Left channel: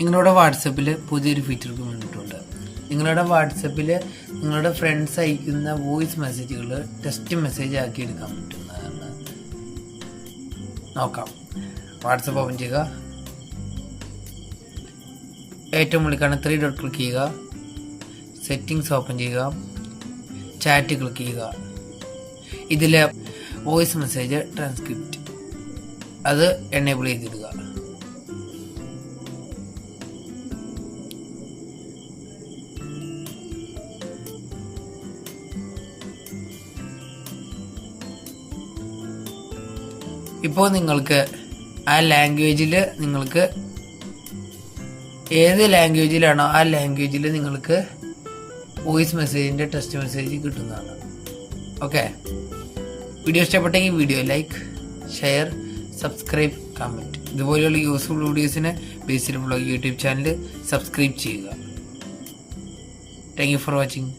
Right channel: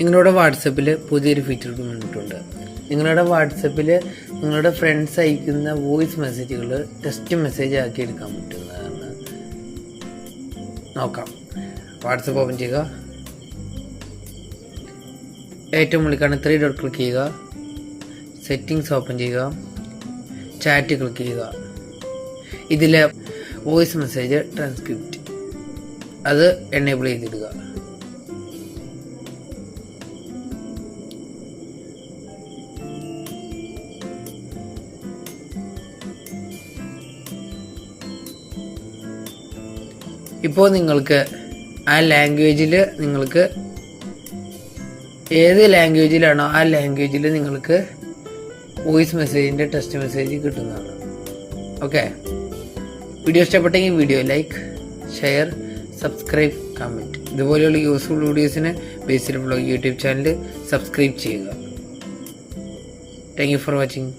നിങ്ങളുടെ വാട്സപ്പിൽ പുതിയൊരു ഫീച്ചർ വന്നിട്ടുണ്ട്. നിങ്ങളുടെ വാട്സപ്പിൽ നിങ്ങളുടെ ഫ്രണ്ട്സ് അയക്കുന്ന വോയിസ് മെസ്സേജുകൾ ടെക്സ്റ്റ് മെസ്സേജ് ആക്കി എടുക്കാൻ പറ്റുന്നതാണ്. നോക്കാം. വാട്സപ്പ് ഓപ്പൺ ചെയ്യുക. ഏറ്റവും മുകളിൽ കാണുന്ന 3 ഡോട്ട് ക്ലിക്ക് ചെയ്യുക. സെറ്റിംഗ്സ് ഓപ്പൺ ചെയ്യുക. ചാറ്റ് ക്ലിക്ക് ചെയ്യുക. ഇതിലെ വോയിസ് മെസ്സേജ് ട്രാൻസ്ക്രിപ്റ്റ് അത് എനേബിൾ ചെയ്തിടുക. ഇപ്പോൾ നിങ്ങൾക്ക് ആ ലാംഗ്വേജിൽ നിങ്ങൾക്ക് ഏത് ലാംഗ്വേജിലാണോ ആ ലാംഗ്വേജിൽ നിങ്ങൾക്ക് വോയിസ് മെസ്സേജിൻ്റെ ടെക്സ്റ്റ് മെസ്സേജ് കിട്ടുന്നതാണ്. ഓക്കെ, വീഡിയോ ഇഷ്ടപ്പെട്ടെങ്കിൽ video like, share, subscribe, comment. ഇതുപോലെയുള്ള യൂസ്ഫുൾ വീഡിയോസിന് ബേസിൽ ബ്ലോഗ് യൂട്യൂബ് ചാനൽ സബ്സ്ക്രൈബ് ചെയ്യുക. Thank you for watching.